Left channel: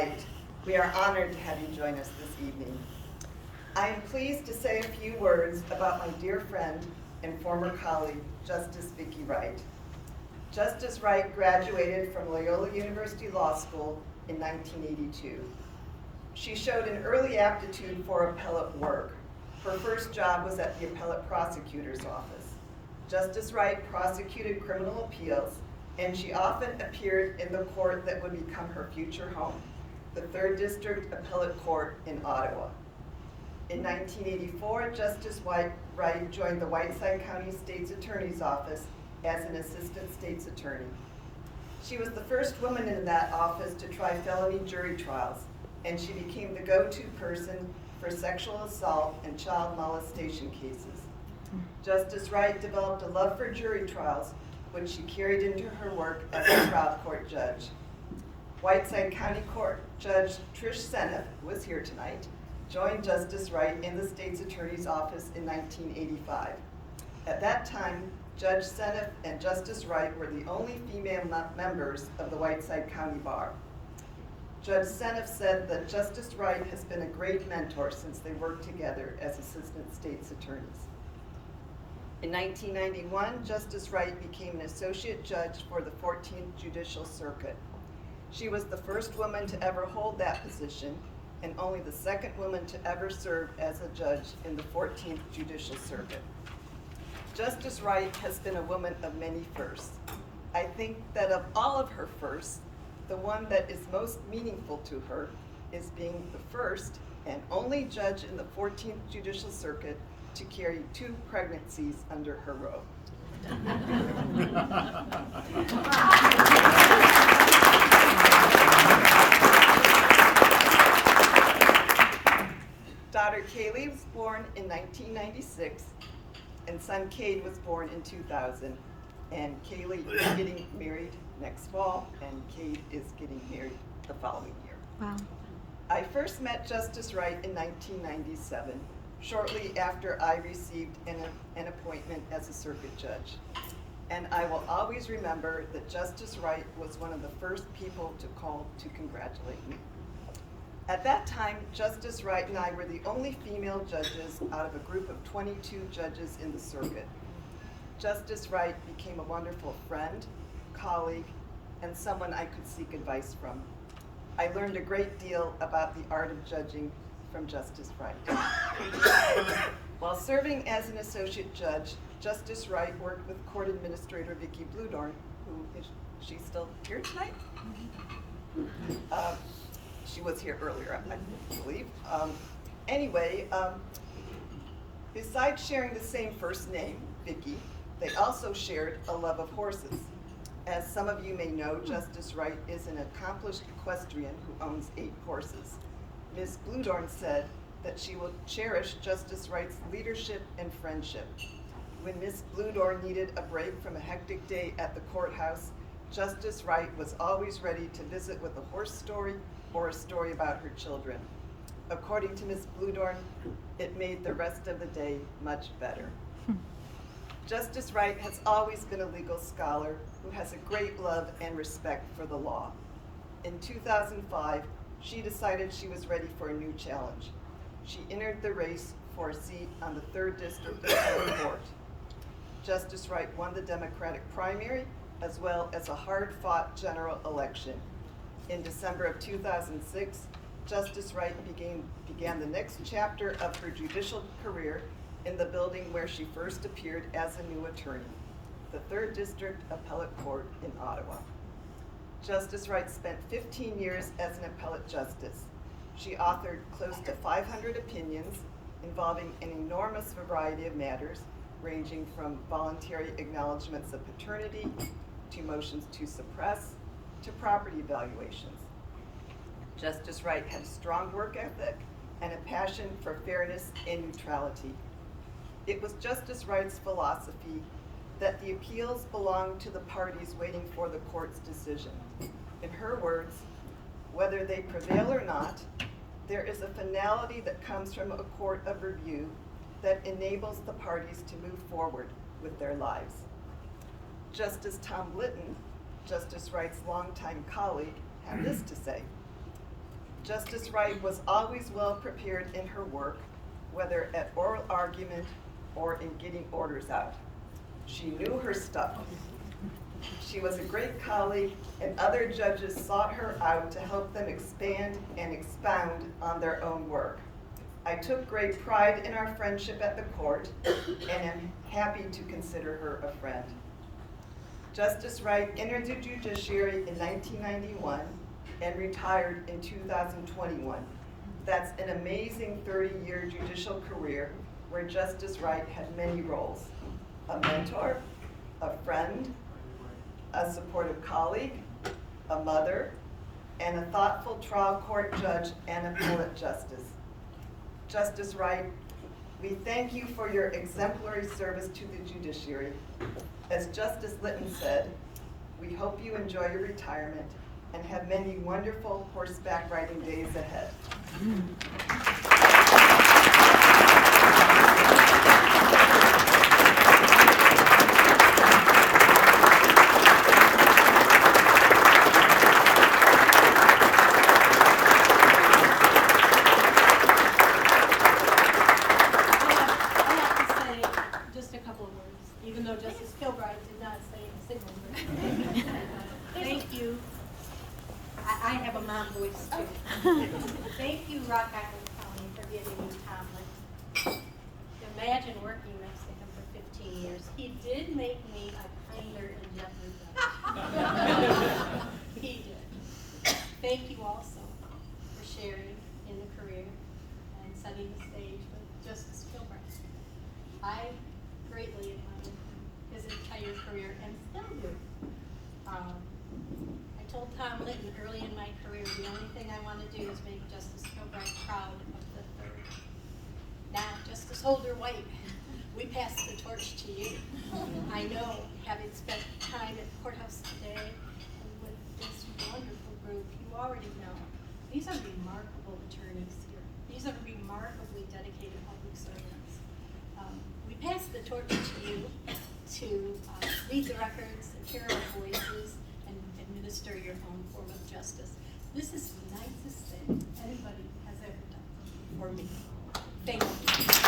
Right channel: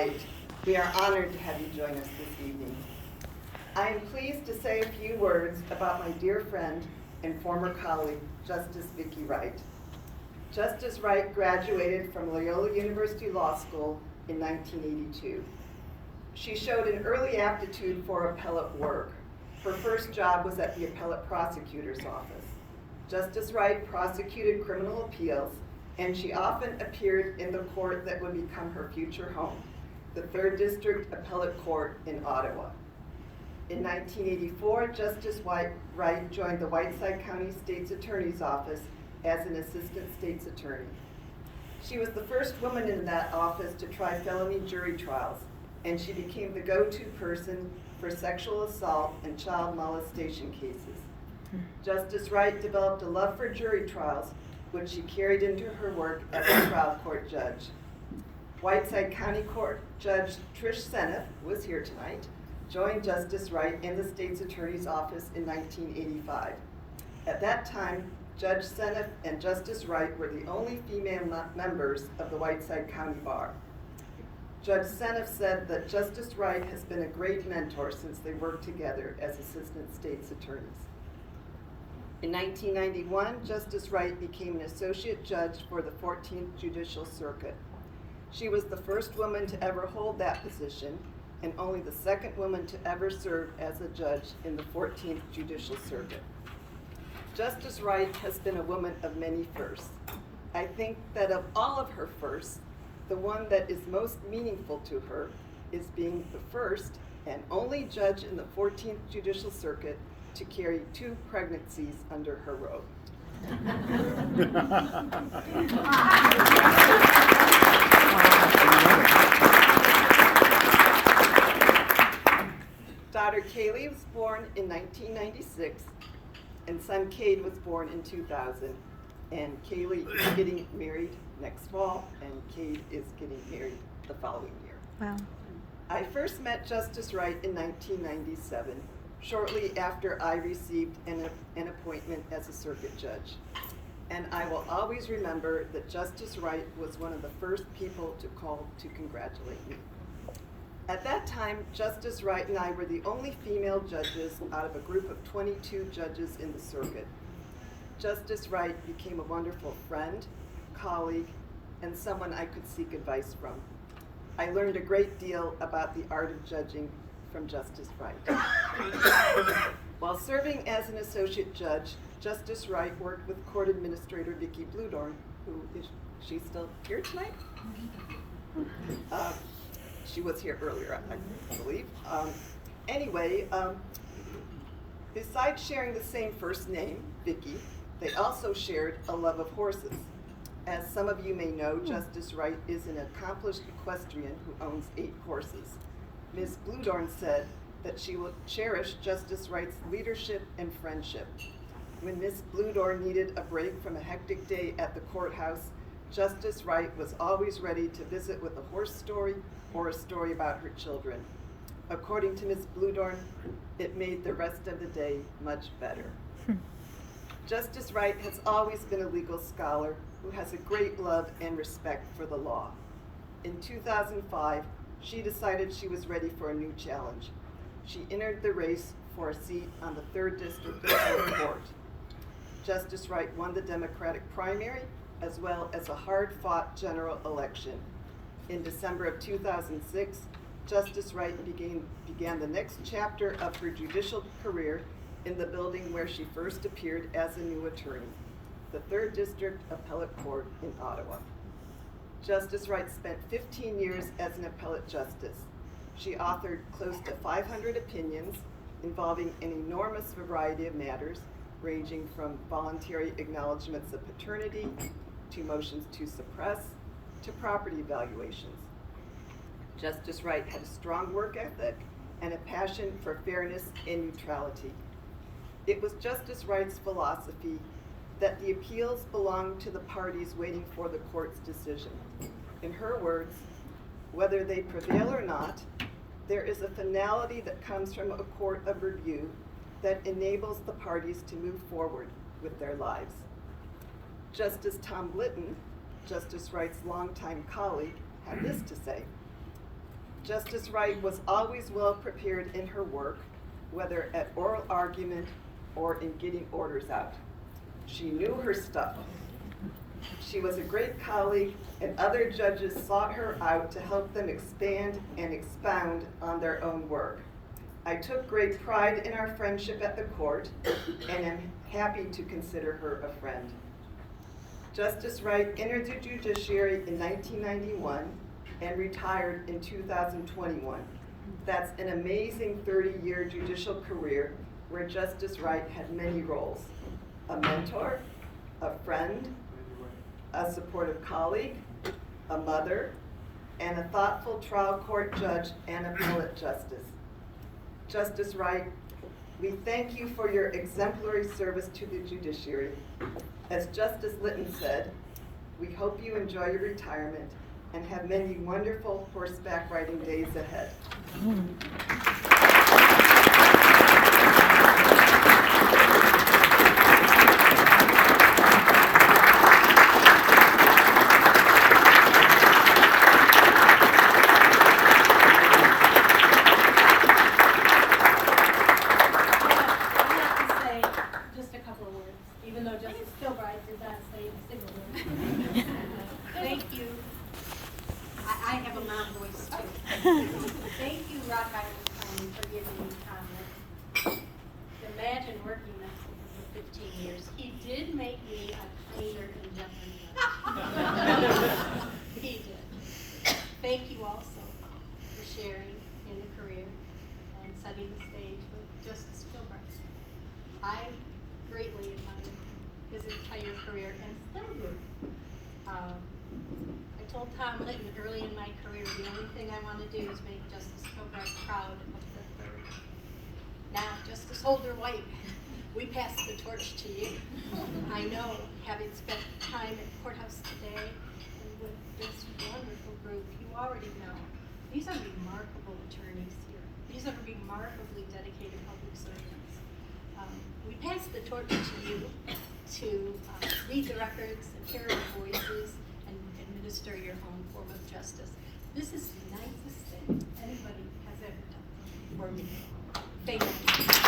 Wright, we are honored to have you join us this evening. I am pleased to say a few words about my dear friend and former colleague, Justice Vicki Wright. Justice Wright graduated from Loyola University Law School in 1982. She showed an early aptitude for appellate work. Her first job was at the appellate prosecutor's office. Justice Wright prosecuted criminal appeals, and she often appeared in the court that would become her future home, the 3rd District Appellate Court in Ottawa. In 1984, Justice Wright joined the Whiteside County State's Attorney's Office as an assistant state's attorney. She was the first woman in that office to try felony jury trials, and she became the go-to person for sexual assault and child molestation cases. Justice Wright developed a love for jury trials, which she carried into her work as a trial court judge. Whiteside County Court Judge Trish Seneff, who is here tonight, joined Justice Wright in the state's attorney's office in 1985. At that time, Judge Seneff and Justice Wright were the only female members of the Whiteside County Bar. Judge Seneff said that Justice Wright has been a great mentor since they worked together as assistant state's attorneys. In 1991, Justice Wright became an associate judge for the 14th Judicial Circuit. She was the first woman to ever hold that position and only the second woman to ever serve as a judge in the 14th Judicial Circuit. Justice Wright has been a woman of many firsts. I think that of all of her firsts, the one that is most meaningful to her is being the first and only judge in the 14th Judicial Circuit to carry 2 pregnancies under her robe. Daughter Kaylee was born in 1996, and son Cade was born in 2000. And Kaylee is getting married next fall, and Cade is getting married the following year. Wow. I first met Justice Wright in 1997, shortly after I received an appointment as a circuit judge. And I will always remember that Justice Wright was one of the first people to call to congratulate me. At that time, Justice Wright and I were the only female judges out of a group of 22 judges in the circuit. Justice Wright became a wonderful friend, colleague, and someone I could seek advice from. I learned a great deal about the art of judging from Justice Wright. While serving as an associate judge, Justice Wright worked with Court Administrator Vicki Bludorn, who is she still here tonight? She was here earlier, I believe. Besides sharing the same first name, Vicki, they also shared a love of horses. As some of you may know, Justice Wright is an accomplished equestrian who owns 8 horses. Ms. Bludorn said that she will cherish Justice Wright's leadership and friendship. When Ms. Bludorn needed a break from a hectic day at the courthouse, Justice Wright was always ready to visit with a horse story or a story about her children. According to Ms. Bludorn, it made the rest of the day much better. Justice Wright has always been a legal scholar who has a great love and respect for the law. In 2005, she decided she was ready for a new challenge. She entered the race for a seat on the 3rd District Appellate Court. Justice Wright won the Democratic primary as well as a hard-fought general election. In December of 2006, Justice Wright began the next chapter of her judicial career in the building where she first appeared as a new attorney, the 3rd District Appellate Court in Ottawa. Justice Wright spent 15 years as an appellate justice. She authored close to 500 opinions involving an enormous variety of matters, ranging from voluntary acknowledgments of paternity, to motions to suppress, to property valuations. Justice Wright had a strong work ethic and a passion for fairness and neutrality. It was Justice Wright's philosophy that the appeals belonged to the parties waiting for the court's decision. In her words, whether they prevail or not, there is a finality that comes from a court of review that enables the parties to move forward with their lives. Justice Tom Litton, Justice Wright's longtime colleague, had this to say: Justice Wright was always well prepared in her work, whether at oral argument or in getting orders out. She knew her stuff. She was a great colleague, and other judges sought her out to help them expand and expound on their own work. I took great pride in our friendship at the court and am happy to consider her a friend. Justice Wright entered the judiciary in 1991 and retired in 2021. That's an amazing 30-year judicial career where Justice Wright had many roles: a mentor, a friend, a supportive colleague, a mother, and a thoughtful trial court judge and appellate justice. Justice Wright, we thank you for your exemplary service to the judiciary. As Justice Litton said, we hope you enjoy your retirement and have many wonderful horseback riding days ahead. Even though Justice Kilbride did not say a single word. Thank you. I have a mom voice too. Thank you, Rock Island County, for giving me Tom. Imagine working next to him for 15 years. He did make me a kinder and gentler judge. He did. Thank you also for sharing in the career and setting the stage with Justice Kilbride. I greatly admire his entire career and still do. I told Tom Litton early in my career, the only thing I want to do is make Justice Kilbride proud of the third. Now, Justice Holder White, we pass the torch to you. I know, having spent time at the courthouse today and with this wonderful group, you already know. These are remarkable attorneys here. These are remarkably dedicated public servants. We pass the torch to you to read the records, hear the voices, and administer your own form of justice. This is the nicest thing anybody has ever done for me. Thank you.